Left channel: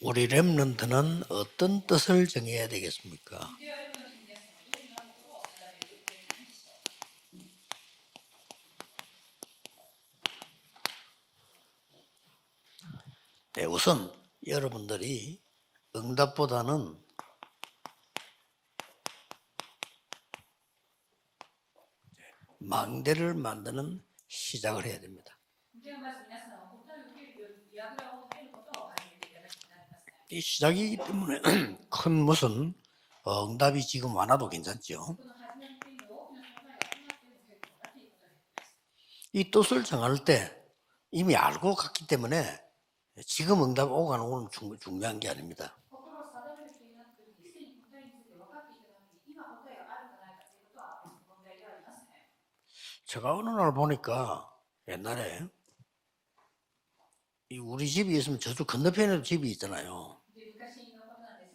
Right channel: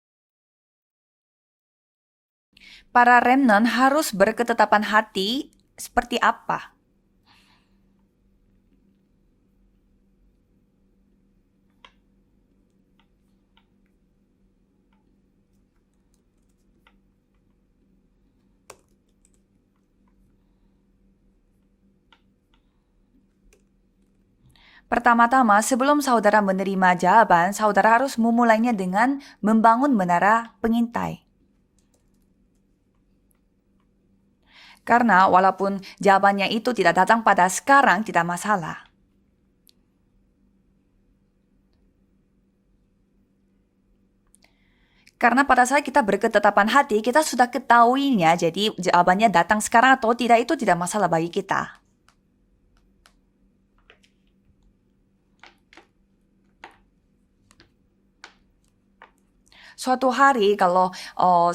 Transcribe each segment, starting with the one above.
우리 렘넌트는 어떤 뜻을 정해야 되겠습니까? Para remnant harus berketetapan hati seperti apa? 네, 우선 여러분들이 응답보다는 망대를 만드는 시작을 해야 돼요. Pertama-tama, sebelum saudara menerima jawaban, saudara harus memulainya dengan membangun menara 시작이기 pengintai. 때문에 큰 무슨 응답이 지금 많아도 괜찮죠. Karena walaupun jawabannya itu tidak datang pada sekarang, tidak masalah. 이 뜻을 정할 때 이미 알고 갔기 때문에 지금 응답 오고 가는 건 중요한 게 Karena pada saat kita berketetapan hati, kita sudah ketahuinya, jadi jawabannya datang sekarang atau tidak itu tidak masalah bagi kita. 제가 어느 날 보니까 옛날에 이 우리 집이 있으면 저쪽 건너편에도 집이 있잖아요. Suatu hari kalau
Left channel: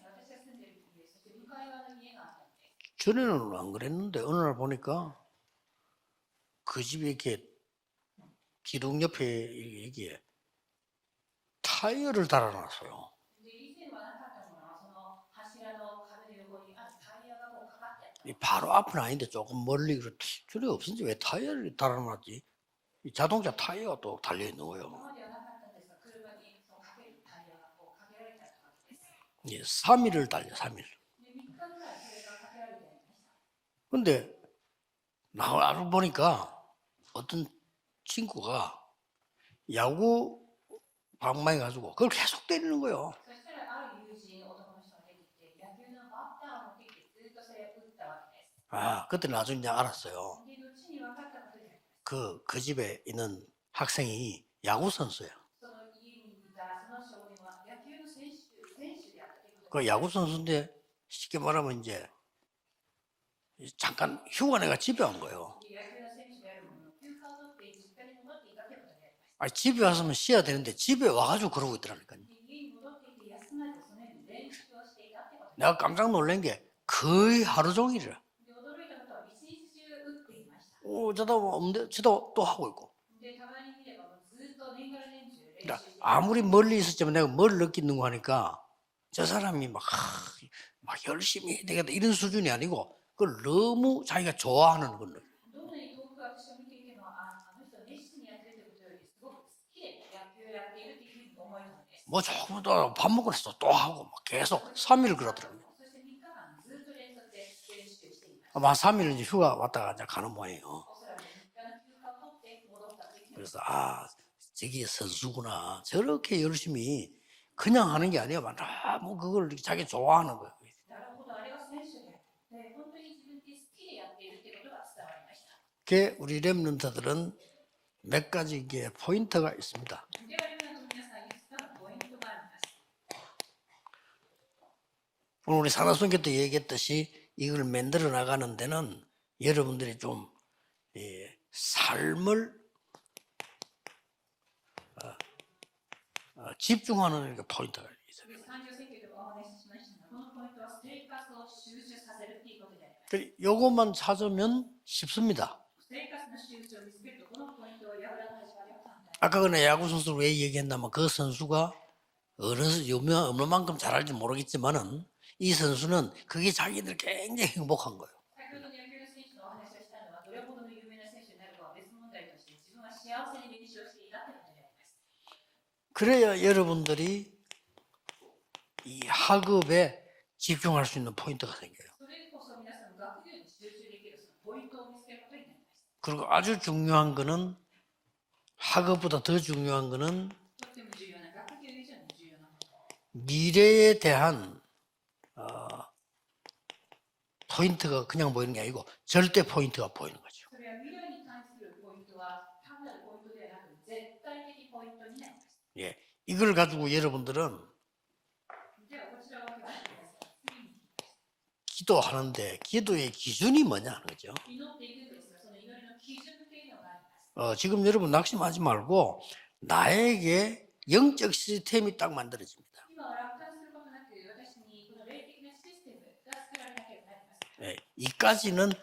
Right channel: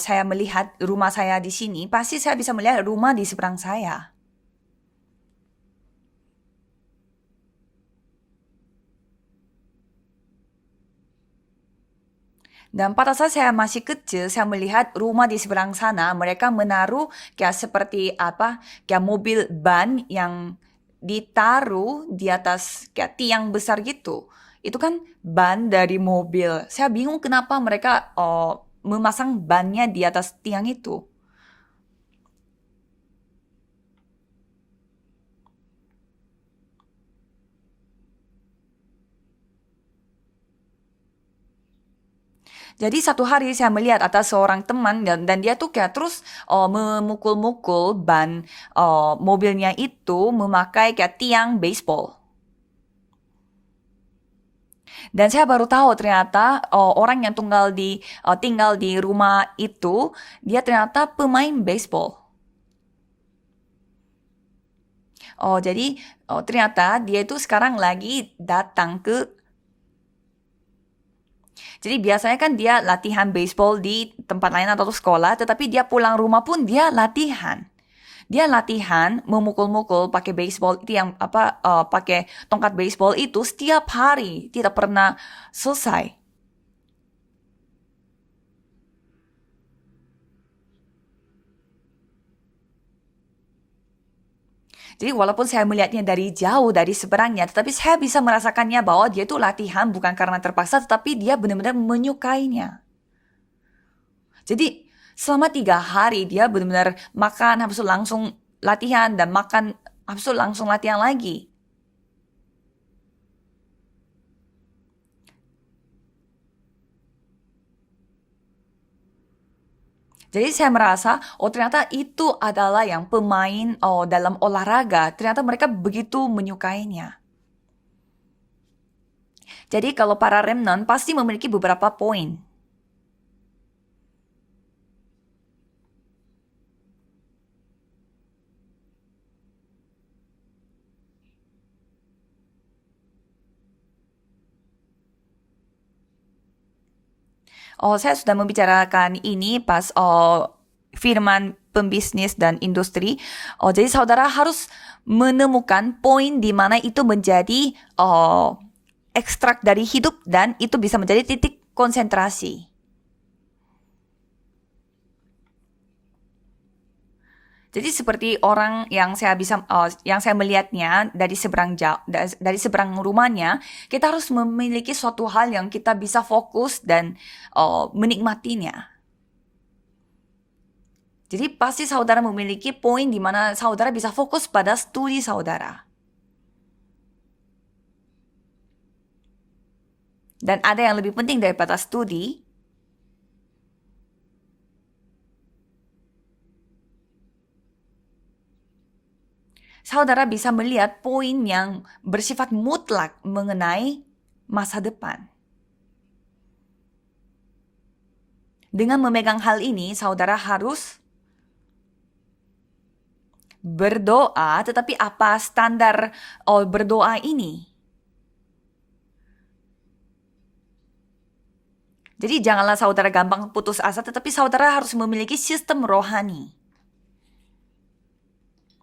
saya melihat rumah saya di sini, pasti saya bisa melihat rumah di 전에는 seberang 안 saya. 그랬는데 어느 날 보니까 그 집에 이렇게 기둥 옆에 이게 타이어를 달아놨어. Dan pada saat saya masih kecil, saya melihat rumah di seberang sana, mereka menaruh kayak seperti apa, kayak mobil ban yang ditaruh di atas kayak tiang besar gitu. Itu kan ban dari mobil. Saya bingung kenapa mereka memasang bannya di atas tiang itu. 근데 나를 보니까 어떤 친구가 야구 방망이 가지고 그걸 계속 때리는 Jadi 거예요. satu hari saya melihat atas seorang teman dan dia tuh kayak terus memukul-mukul ban mobilnya itu memakai kayak tiang baseball. 그 집에 있는 학생이 야구 선수. Dan saya baru tahu ternyata orang yang tinggal di rumah itu dia ternyata pemain baseball. 잠깐 휴가 내가 집에 온 거예요. Jadi ternyata dia itu sekarang lagi datang ke. 집에 왔으면 쉬어야 되는데 집에 와가지고 그러고 있다. Jadi biasanya kan dia latihan baseball di tempat lain atau sekolah, tetapi dia pulang rumah pun dia latihan. 하루 종일이야. Dia latihan memukul-mukul pakai baseball tiang pakai tongkat baseball itu setiap hari, tidak pernah selesai. 아무리 멀리 있었지만 내가 뭘 느끼는 거 하니까 저 사람이 막 열심히 해야 되겠다 이런 수준이 아니고 그걸 너무 자기가 좋아하는. Jadi walaupun saya melihatnya dari jauh, dari seberangnya, tetapi saya bisa merasakannya bahwa dia itu latihan bukan karena terpaksa, tetapi dia benar-benar menyukainya. 밥 먹고 나서 또 하고 막 계속 Jadi 3일 selama 3 hari dia benar-benar makan, habis itu langsung latihan dan makan, habis itu langsung latihan lagi. 그래서 저기 선수구나 저렇게 열심히 그냥 하는 게 아니야. 뭐 그걸 자기 좋아하는. Jadi saya merasa, ternyata itu adalah yang pemain dalam olahraga. Ternyata mereka begitu menyukainya. 몇 가지 이게 포인트가 있습니다. Jadi kalau para remnant pasti memiliki beberapa poin. 오늘 우리 산하순교 때 얘기했듯이 이걸 만들어 나가는 데는 여러분들이 좀 삶을 집중하는 게 포인트. Saya sudah membicarakan ini pas firman pembisnis dan industri. Jadi saudara harus menemukan poin di mana itu menjadi ekstrak dari hidup dan itu bisa menjadi titik konsentrasi. 어느 만큼 잘 알지 모르겠지만은 이 선수는 그게 자기들 굉장히 행복. Jadi seperti orang yang saya melihatnya dari seberang rumahnya, kita harus memiliki suatu hal yang kita bisa fokus dan menikmatinya. 이 학업에 집중할 수 있는 포인트. Jadi pasti saudara memiliki poin di mana saudara bisa fokus pada studi saudara. 그리고 아주 중요한 거는 학업보다 더 중요한 거는 Dan ada yang lebih penting daripada studi, 미래에 대한 포인트가 그냥 보이는 게 아니고 절대 포인트가. saudara bisa melihat poin yang bersifat mutlak mengenai masa depan. 예, 이걸 가지고 여러분들은 Dengan memegang hal ini, saudara harus 기도하는데 기도의 기준이 뭐냐? berdoa, tetapi apa standar berdoa ini? 지금 여러분 낙심하지 말고 나에게 영적 시스템이 딱 맞아. Jadi janganlah saudara gampang putus asa, tetapi saudara harus memiliki sistem rohani. 이까지는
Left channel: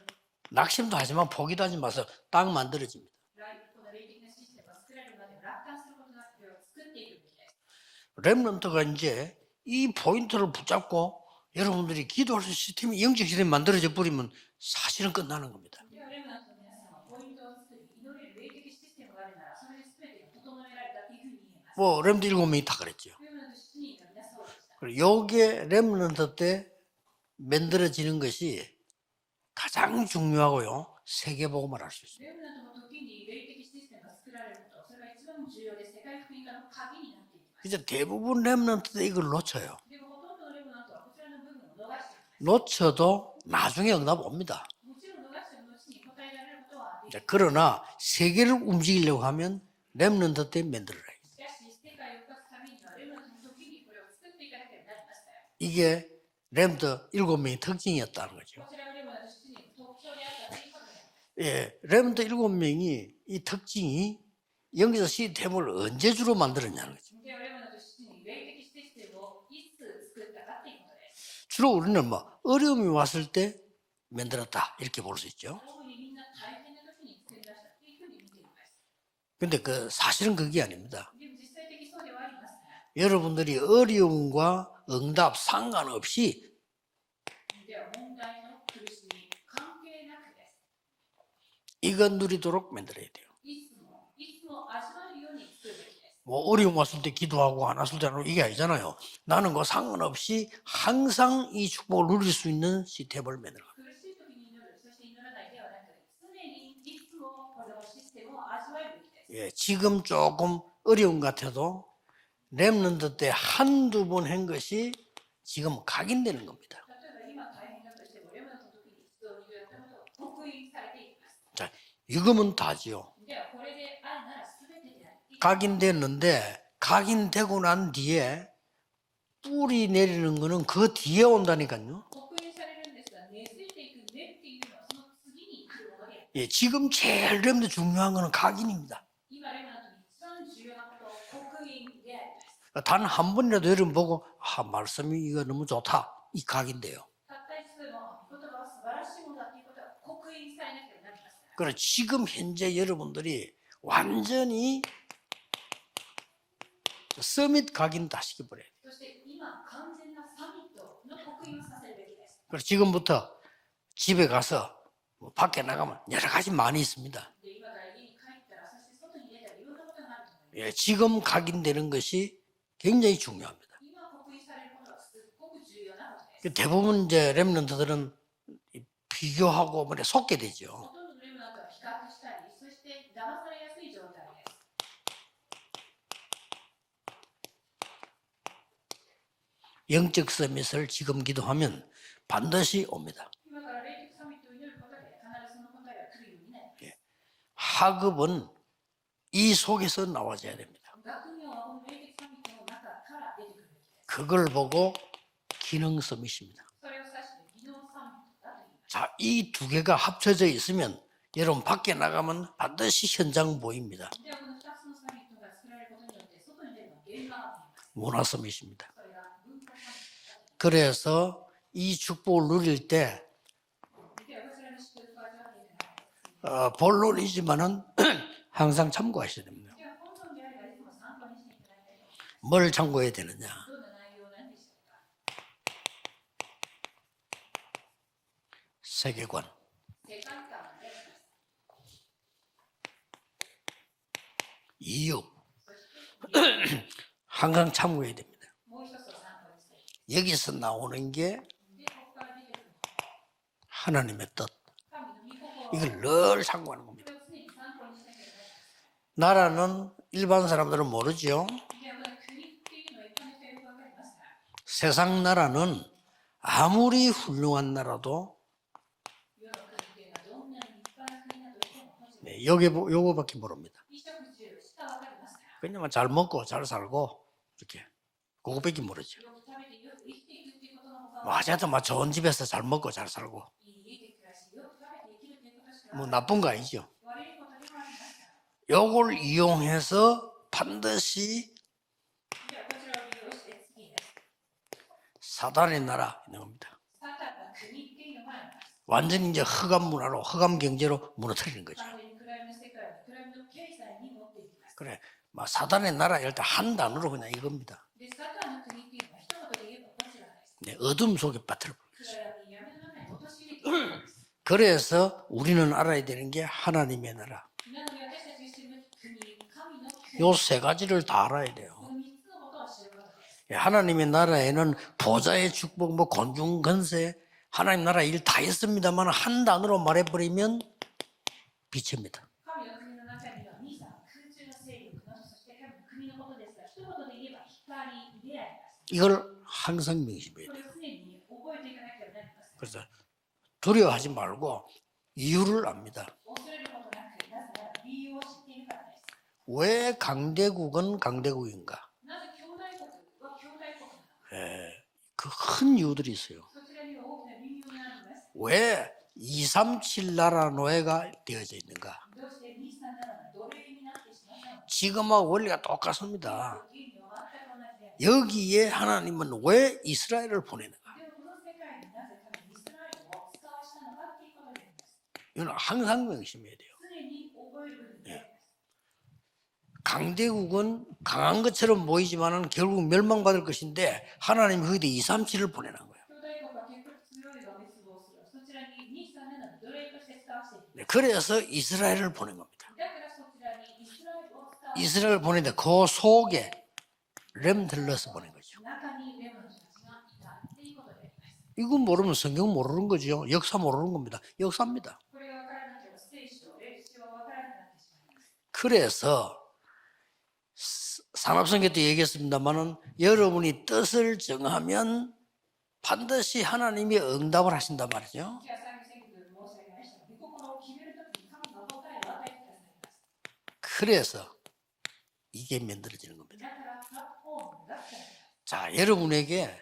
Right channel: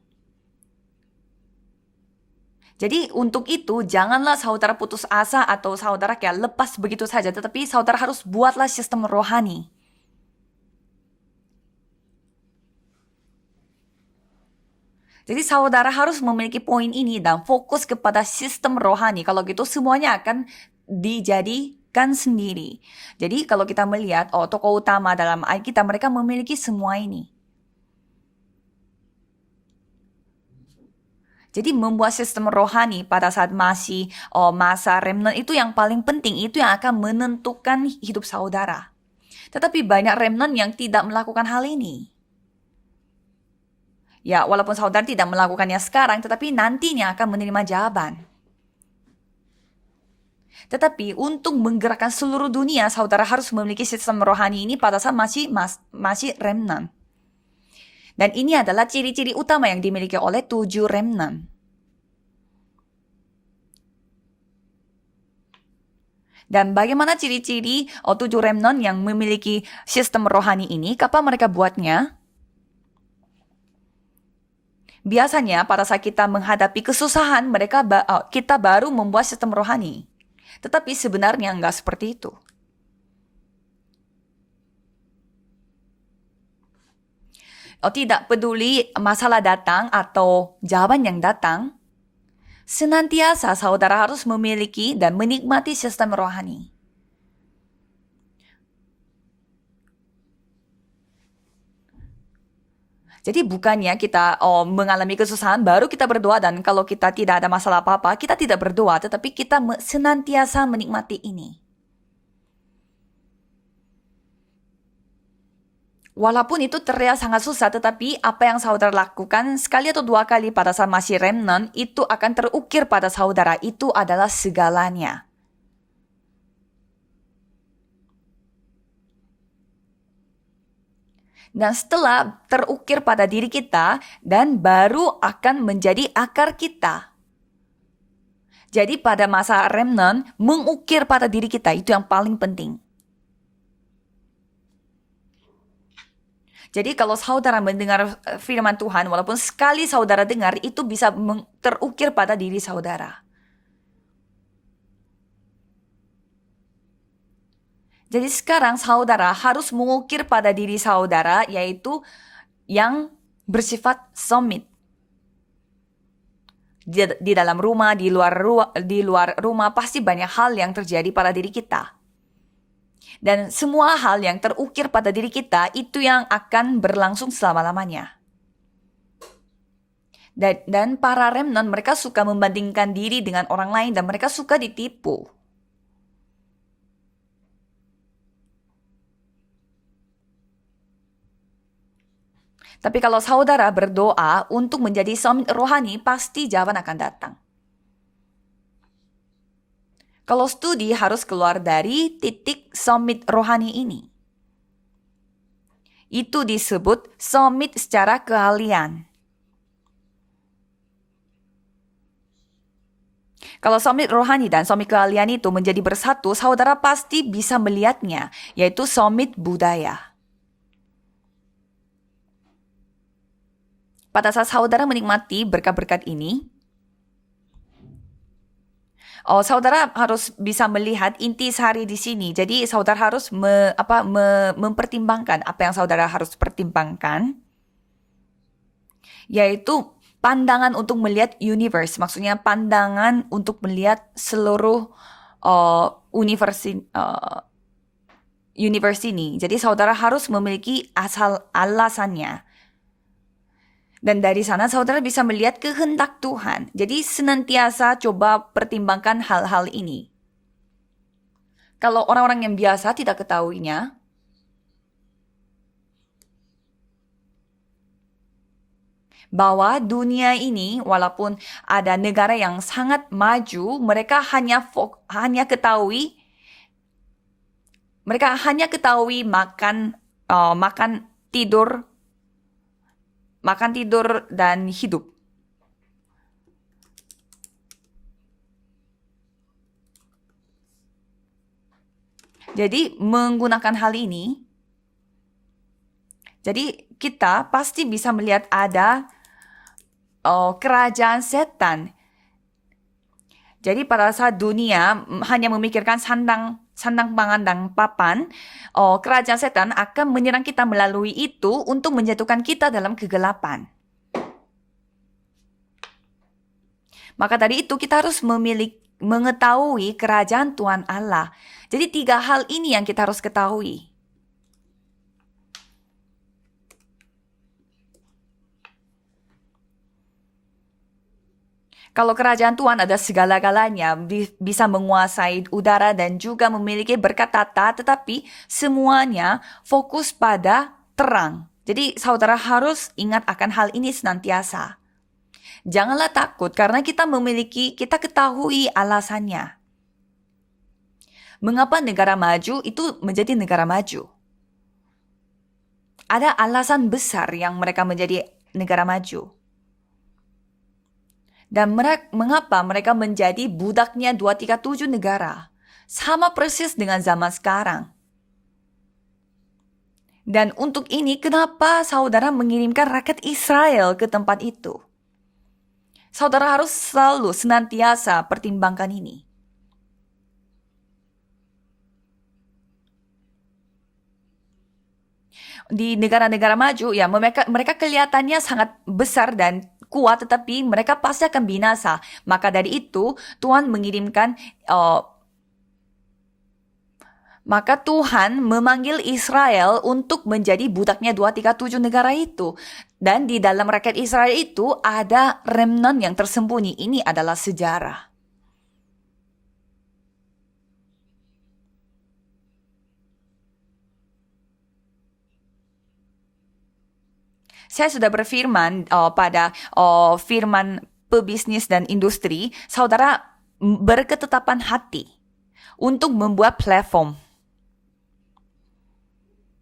낙심도 하지만 포기도 하지 마서 땅 만들어. Jadi untuk itu janganlah saudara putus asa atau saudara kayak lepas begitu saja, tetapi saudara harus buatlah 렘넌트가 sistem 이제 rohani. 이 포인트를 붙잡고 여러분들이 기도할 수 시스템이 영적 시스템이 만들어져 버리면 사실은 Jadi 끝나는 거예요. saudara harus memiliki poin ini dan fokus kepada sistem rohani. Kalau gitu semuanya akan dijadikan 렘드 일곱 sendiri. 명이 다 그랬죠. Jadi kalau kita melihat tokoh utama dalam 여기에 Alkitab mereka 렘넌트 memiliki 때 semua ini. 만들어지는 것이 가장 중요하고요. Jadi 세계복음으로 membuat sistem rohani pada saat masih masa remnant itu yang paling penting, itu yang akan menentukan hidup 대부분 saudara. 렘넌트 이걸 놓쳐요. Tetapi banyak remnant yang tidak melakukan hal ini. 놓쳐도 나중에 응답 Ya, 옵니다. walaupun saudara tidak melakukannya sekarang, tetapi nantinya akan menerima 그러나 jawaban. 세계를 움직이려고 하면 렘넌트 때문에 Tetapi untuk menggerakkan seluruh dunia, saudara harus memiliki sistem rohani ini pada saat masih 이게 remnant. 렘넌트 7명의 특징이었다. Dan ini adalah ciri-ciri utama yang dimiliki oleh 7 remnant. 예, 렘넌트 7명이 이 특징이 영적 시스템을 언제 주로 Dan 만드는 bagaimana ciri-ciri 7 remnant yang memiliki sistem rohani ini? Kapan mereka buatnya? 뭐 어려움이 왔을 때 만들었다 이렇게 봅니다. Biasanya pada saat kita menghadapi kesusahan, kita baru membuat sistem 근데 rohani. 사실은 그게 아니에요. Tetapi sebenarnya enggak seperti itu. 여러분들이 어려움과 응답 상관없이 Tidak peduli masalah datang atau jawaban yang datang, 이건 누리도록 senantiasa saudara harus memiliki dan menikmati sistem rohani. 어려움 왔을 때 기도하고 안 왔을 때는 이게 아니잖아요. 나는 그 상관없이 항상 이 축복을 누릴 수 있는 시스템을 Jadi bukannya kita mengalami kesusahan baru kita berdoa, dan kalau kita tidak ada masalah apa-apa kita tidak berdoa, tetapi kita 지금 senantiasa 조금 menikmati 어려움 ini. 같아도 렘넌트 때 한두 번 한 것이 지금 각인된 Walaupun itu terlihat sangat susah, tetapi apa yang saudara lakukan sekali atau 2 kali pada saat masih remnant itu akan terukir pada saudara. Itu adalah segalanya. 각인됐는데 각인되고 난 뒤에 뿌리 내리는 거는 그 뒤에 Dan 온다니까요. setelah terukir pada diri kita, dan baru akan menjadi akar 지금 kita. 제일 렘넌트 중요한 거는 각인이. Jadi pada masa remnant, mengukir pada diri kita itu yang paling penting. 단 한 번이라도 여러분 보고 말씀이 이거 너무 좋다. 이 각인. Jadi kalau saudara mendengar firman Tuhan, walaupun sekali saudara dengar, itu bisa terukir pada diri saudara. 여러분들이 완전히 서밋 각인. Jadi sekarang saudara harus mengukir pada diri saudara, yaitu yang 지금부터 bersifat 집에 summit. 가서 뭐 밖에 나가면 여러 가지 많이 Di, 있습니다. di dalam rumah, di luar rumah pasti banyak hal yang terjadi 지금 pada diri kita. 각인되는 것이 굉장히 Dan 중요해요. semua hal yang terukir pada diri kita itu yang akan 대부분 berlangsung 이제 selama-lamanya. 비교하고 뭐 속게 Dan, 되죠. dan para remnant mereka suka membandingkan diri dengan orang lain dan mereka suka ditipu. 영적 서밋을 지금 기도하면 반드시 Tapi kalau saudara berdoa untuk menjadi summit rohani, pasti jawaban akan datang. 학업은 이 속에서 Kalau 나와요. studi harus keluar dari titik summit rohani ini. 그걸 보고 기능 서밋. Itu disebut summit secara keahlian. 자, 이 두 개가 합쳐져 있으면 여러분 밖에 나가면 반드시 현장 Kalau 보여요. summit rohani dan summit keahlian itu menjadi bersatu, saudara pasti bisa melihatnya, yaitu summit budaya. 그래서 이 축복을 누릴 때 Pada saat saudara menikmati berkat-berkat ini, 본론이지만은 항상 참고하시죠. saudara harus bisa melihat intisari di sini. Jadi Boleh saudara campurin. harus mempertimbangkan apa yang saudara harus pertimbangkan, 세계관. yaitu pandangan untuk melihat universe. Maksudnya pandangan untuk melihat seluruh 이유 항상 참고해야 됩니다. universe ini. Jadi saudara harus 여기서 memiliki 나오는 asal alasannya. Dan 하나님 dari sana saudara bisa melihat kehendak Tuhan. Jadi senantiasa coba pertimbangkan hal-hal ini. 일반 사람들은 모르죠. Kalau orang-orang yang biasa tidak ketahuinya, 세상 나라는 아무리 훌륭한 나라도 bahwa dunia ini walaupun ada negara yang 여기 sangat 요거 maju, mereka hanya ketahui, 잘 먹고 잘 살고 이렇게 mereka hanya ketahui makan tidur, 좋은 집에서 잘 먹고 잘 살고 makan tidur dan hidup. 뭐 나쁜 거 아니죠. 요걸 이용해서 반드시 Jadi menggunakan hal ini, 사단의 나라 jadi kita pasti bisa melihat ada 완전히 이제 흑암 문화로 kerajaan 흑암 경제로 setan. Jadi pada saat dunia hanya memikirkan sandang pangan dan papan, kerajaan setan akan menyerang kita melalui itu untuk menjatuhkan kita dalam kegelapan. 그래서 우리는 알아야 되는 게 하나님의 나라. Maka tadi itu kita harus mengetahui kerajaan Tuhan Allah. Jadi 3 hal ini yang kita harus ketahui. 하나님의 나라에는 보좌의 축복, 뭐 권중 권세, 하나님 나라 일 다 있습니다만 한 단어로 말해버리면 빛이. Kalau kerajaan Tuhan ada segala-galanya, bisa menguasai udara dan juga memiliki berkat tata, tetapi semuanya fokus pada terang. Jadi saudara harus ingat akan hal ini senantiasa. 이유를 Janganlah takut karena kita ketahui alasannya. 왜 강대국은 강대국? Mengapa negara maju itu menjadi negara maju? 그 큰 이유들이 있어요. Ada alasan besar yang mereka menjadi negara maju. 237 나라 노예가 되어지. Dan mengapa mereka menjadi budaknya 237 negara? 원리가 똑같습니다. Sama persis dengan zaman sekarang. 여기에 하나님은 왜 이스라엘을 Dan untuk ini kenapa saudara mengirimkan rakyat Israel ke tempat itu? 이건 항상 Saudara harus selalu senantiasa pertimbangkan ini. 강대국은 강한 것처럼 보이지만은 결국 멸망받을 것인데 하나님 거기다 237을 보내. Di negara-negara maju ya mereka kelihatannya sangat besar dan kuat tetapi mereka pasti akan binasa. Maka dari itu Tuhan mengirimkan 이스라엘을 보내는데 그 속에 maka Tuhan memanggil Israel untuk menjadi budaknya 237 negara itu. Dan di dalam rakyat Israel itu ada remnant yang tersembunyi. Ini adalah sejarah. 그래서 산업성계 때 얘기했습니다만은 여러분이 뜻을 정하면 반드시 하나님이 응답을 하신다. Saya sudah berfirman pada firman pebisnis dan industri, saudara berketetapan hati 이게 뭡니까? untuk membuat platform. 자, 여러분에게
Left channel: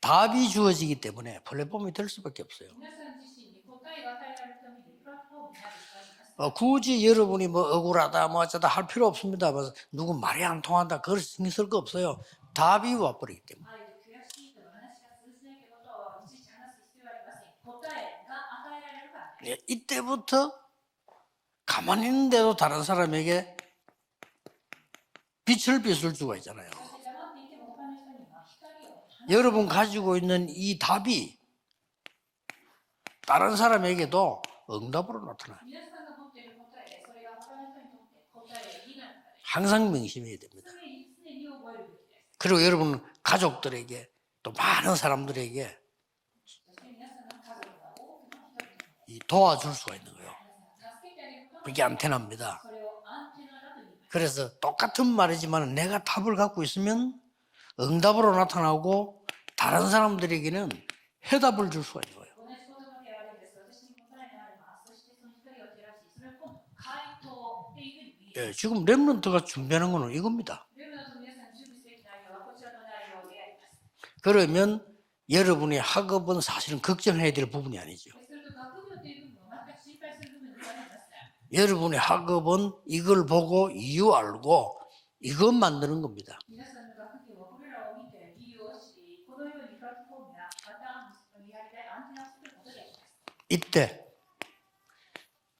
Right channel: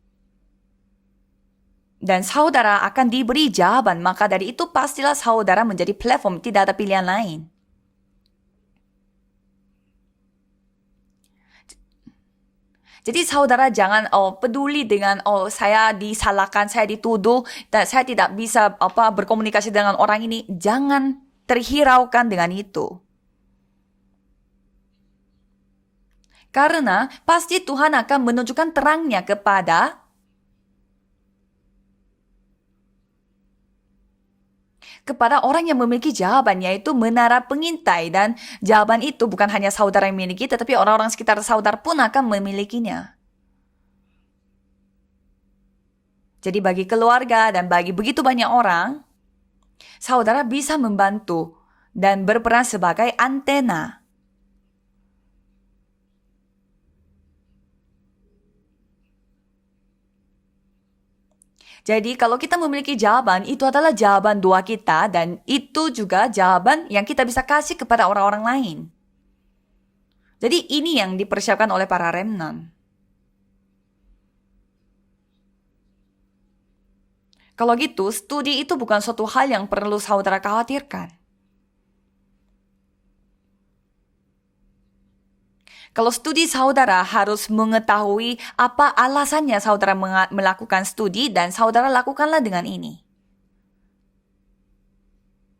답이 주어지기 때문에 플랫폼이 될 Dan 수 있어요. saudara akan diberi jawaban, maka dari itu pastilah saudara menjadi platform, tidak ada 굳이 pilihan 여러분이 lain. 뭐 억울하다 뭐 어쩌다 할 필요 없습니다. 뭐 누구 말이 안 통한다 그럴 수 있을 거 없어요. 답이 와. Jadi saudara jangan peduli dengan saya disalahkan, saya dituduh, dan saya tidak bisa berkomunikasi dengan orang ini. Jangan terhiraukan dengan 다른 itu. 사람에게 빛을 비출 수가 있잖아요. Karena pasti Tuhan akan menunjukkan terangnya 여러분 kepada 가지고 있는 이 답이 다른 사람에게도 응답을 kepada orang yang memiliki jawaban, yaitu menara pengintai. Dan jawaban itu bukan hanya saudara yang memiliki, tetapi orang-orang sekitar saudara pun akan 그리고 여러분 memilikinya. 가족들에게 또 많은 사람들에게 Jadi bagi keluarga dan bagi begitu banyak orang, 도와줄 수가 있어요. saudara bisa membantu 그게 dan 안테나입니다. berperan sebagai antena. 그래서 똑같은 말이지만 내가 답을 갖고 있으면 응답으로 나타나고 다른 사람들에게는 해답을 줄 수 있어요. Jadi kalau kita memiliki jawaban, itu adalah jawaban doa kita dan itu juga jawaban yang kita bisa kasih kepada orang-orang lain. 지금 렘넌트가 준비하는 거는 이겁니다. Jadi ini yang dipersiapkan oleh para remnant. 그러면 여러분의 학업은 사실은 걱정해야 될 Kalau 부분이에요. gitu, studi itu bukan suatu hal yang perlu saudara khawatirkan. 여러분의 학업은 이걸 보고 이유 알고 이것 만드는 Kalau 거예요. studi saudara harus mengetahui apa alasannya saudara melakukan studi dan saudara lakukanlah dengan ini. 이때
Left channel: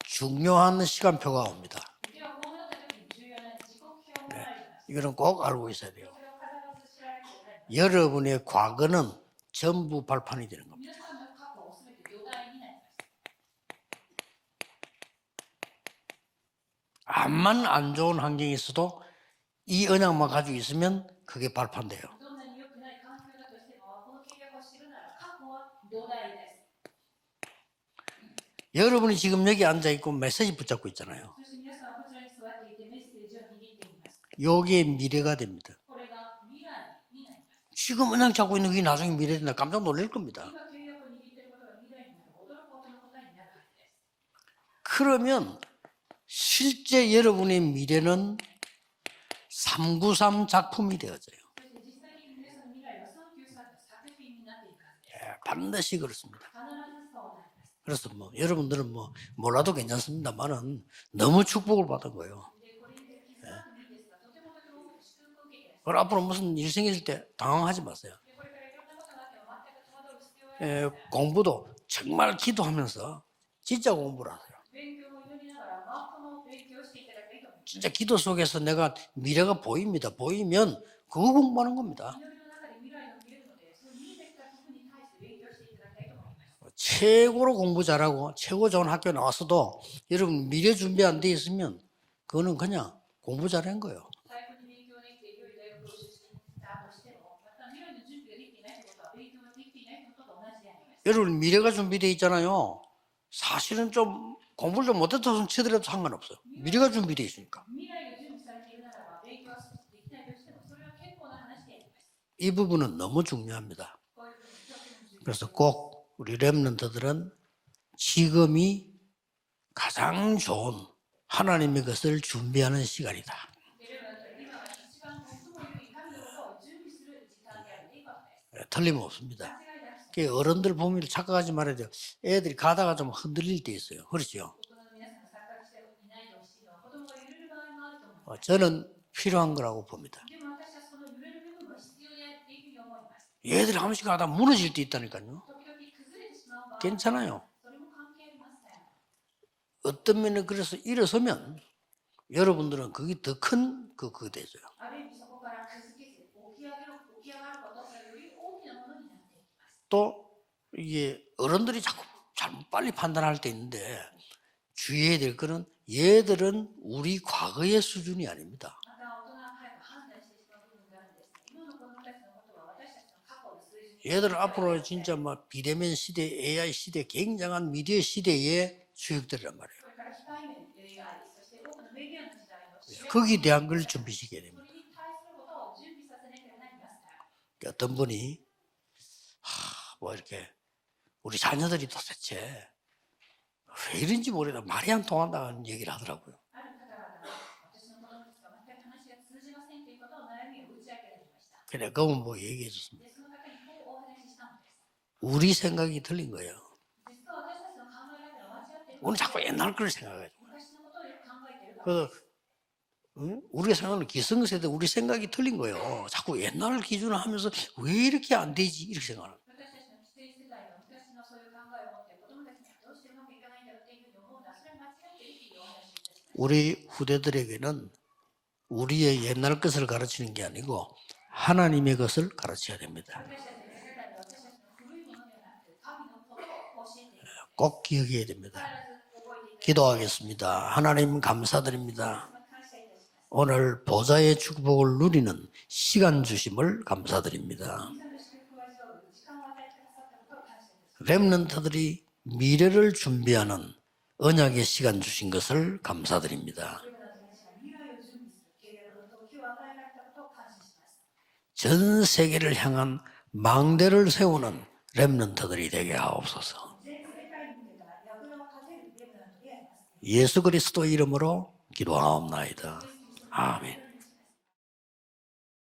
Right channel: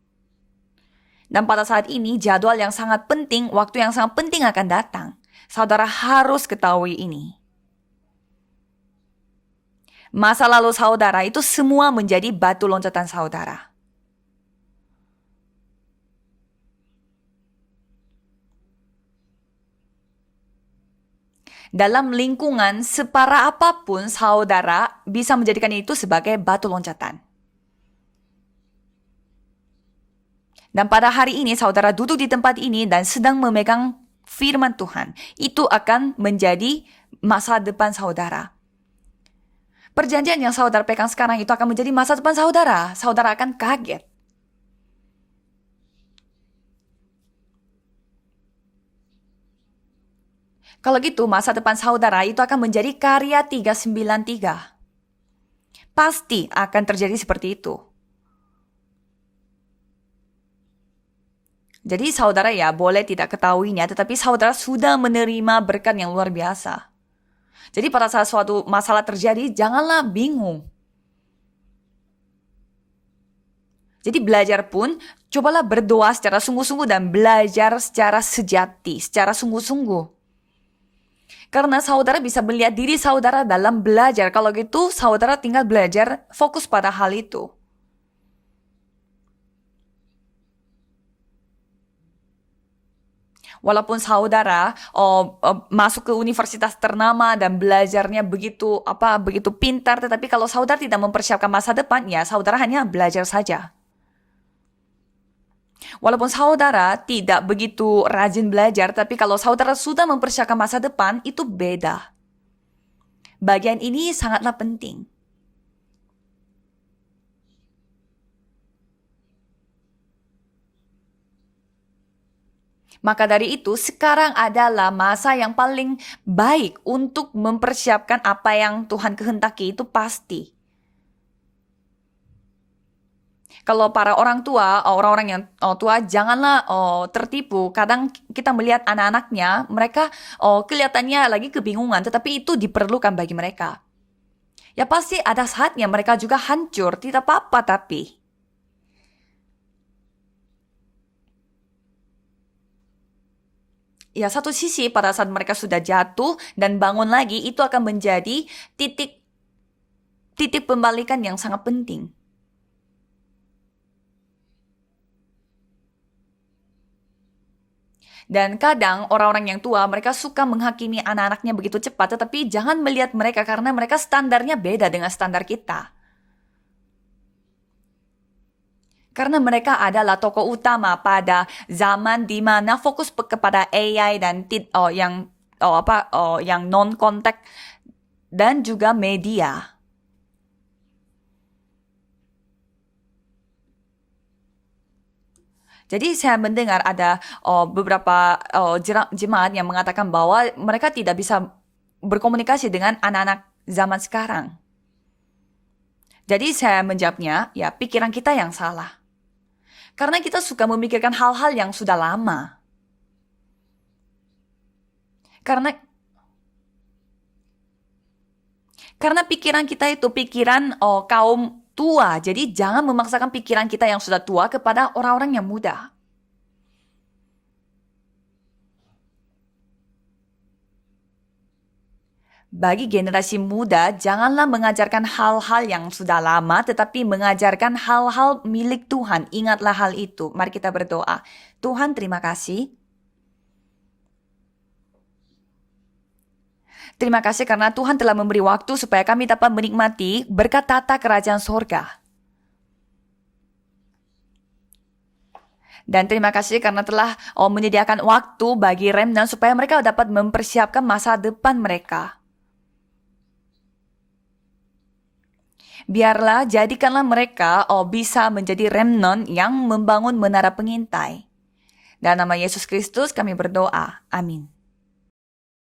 중요한 시간표가 Dan pada saat ini jadwal yang sangat penting, waktu yang sangat penting akan datang. 이런 꼭 알고 Saudara harus ketahui ini. 여러분의 과거는 전부 Masa lalu saudara itu semua menjadi batu loncatan saudara. 암만 안 좋은 환경이 있어도 이 언약만 가지고 있으면 그게 발판. Dalam lingkungan separah apapun saudara bisa menjadikan itu sebagai batu loncatan. 여러분이 지금 여기 앉아 있고 메시지 붙잡고 Dan pada hari ini saudara duduk di tempat ini dan sedang memegang firman 여기에 Tuhan. 미래가 돼. Itu akan menjadi masa depan 지금 언약 saudara. 잡고 있는 게 나중에 미래된다. 깜짝 놀랐어. Perjanjian yang saudara pegang sekarang itu akan menjadi masa depan saudara. Saudara akan kaget. 그러면 실제 여러분의 미래는 393 작품. Kalau gitu masa depan saudara itu akan menjadi karya 393. 반드시 Pasti akan terjadi seperti itu. 그래서 뭐 여러분들은 뭐 몰라도 괜찮습니다만은 너무 축복을 Jadi 받은 saudara ya boleh tidak ketahuinya, tetapi saudara sudah menerima berkat yang luar 무슨 biasa. 일생일 때 당황하지 Jadi pada saat suatu masalah terjadi, janganlah bingung. 공부도 정말 기도하면서 진짜 Jadi 공부 belajar pun, cobalah berdoa secara sungguh-sungguh dan belajar secara sejati, secara sungguh-sungguh. 보이면 그거 공부 Karena saudara bisa melihat diri saudara dalam belajar. Kalau gitu, saudara tinggal belajar, fokus pada hal itu. 최고로 공부 잘하고 최고 좋은 학교 나왔어도 여러분 미래 준비 안 돼 있으면 그거는 그냥 공부 잘해. Walaupun saudara masuk ke universitas ternama dan belajarnya begitu pintar, tetapi kalau saudara tidak mempersiapkan masa depannya, saudara hanya belajar saja. 사실은 좀 공부를 좀 못해서 치더라도 상관. Walaupun saudara tidak begitu rajin belajar, tapi kalau saudara sudah mempersiapkan masa depan, itu beda. 이 부분은 너무 중요해요. Bagian ini sangatlah penting. 그래서 꼭 우리 렘넌트들은 지금이 가장 좋은 하나님의 것을 준비하는 시간. Maka dari itu, sekarang adalah masa yang paling baik untuk mempersiapkan apa yang Tuhan kehendaki, itu pasti. 어른들 보면 착각하지 말아야 돼요. 애들이 가다가 좀 흔들릴 때. Kalau para orang tua, orang-orang yang tua, janganlah tertipu. Kadang kita melihat anak-anaknya, mereka kelihatannya lagi kebingungan, tetapi itu diperlukan bagi mereka. 애들이 한 번씩 가다 무너질 때. Ya pasti ada saatnya mereka juga hancur, tidak apa-apa tapi. 어떤 면에 그래서 일어서면 여러분들은 그게 더 큰 Ya satu sisi pada saat mereka sudah jatuh dan bangun lagi, itu akan menjadi titik pembalikan yang sangat penting. 잘 빨리 판단할 때 있는데 주의해야 될 거는 얘들은 우리 과거의 수준이 아니야. Dan kadang orang-orang yang tua mereka suka menghakimi anak-anaknya begitu cepat, tetapi jangan melihat mereka karena mereka standarnya beda dengan standar kita. 이대면 시대, AI 시대, 굉장한 미디어 시대에 Karena mereka adalah tokoh utama pada zaman di mana fokus kepada AI dan yang non kontak 어떤 분이 dan juga media. 뭐 이렇게 우리 자녀들이 도대체 왜 이런지 모르겠다 말이 안 통한다는 얘기를. Jadi saya mendengar ada beberapa jemaat yang mengatakan bahwa mereka tidak bisa berkomunikasi dengan anak-anak zaman sekarang. 우리 생각이 틀린. Jadi saya menjawabnya, ya pikiran kita yang salah. 오늘 자꾸 옛날 걸 Karena kita suka memikirkan hal-hal yang sudah lama. 우리가 생각하는 기성세대 우리 생각이 틀린 Karena- 거예요. 자꾸 옛날 기준을 하면서 왜 이렇게 안 되지? 이렇게. Karena pikiran kita itu pikiran kaum tua. Jadi jangan memaksakan pikiran kita yang sudah tua kepada orang-orang yang muda. 우리 후대들에게는 우리의 옛날 것을 가르치는 게 아니고 하나님의 것을 가르치는. Bagi generasi muda, janganlah mengajarkan hal-hal yang sudah lama, tetapi mengajarkan hal-hal milik Tuhan. Ingatlah hal itu. Mari kita berdoa. Tuhan, terima kasih. 오늘 보좌의 축복을 누리는 시간 주심을 Terima kasih karena Tuhan telah memberi waktu supaya kami dapat menikmati berkat tata kerajaan sorga. 미래를 준비하는 언약의 시간 주신 것을 Dan terima kasih 감사드립니다. karena telah menyediakan waktu bagi remnant supaya mereka dapat mempersiapkan masa depan 전 mereka. 세계를 향한 망대를 세우는 렘넌트들이 되게 Biarlah jadikanlah mereka bisa menjadi remnant yang membangun 예수 menara 그리스도 pengintai. 이름으로 기도하옵나이다. Dan nama Yesus Kristus kami berdoa. Amin.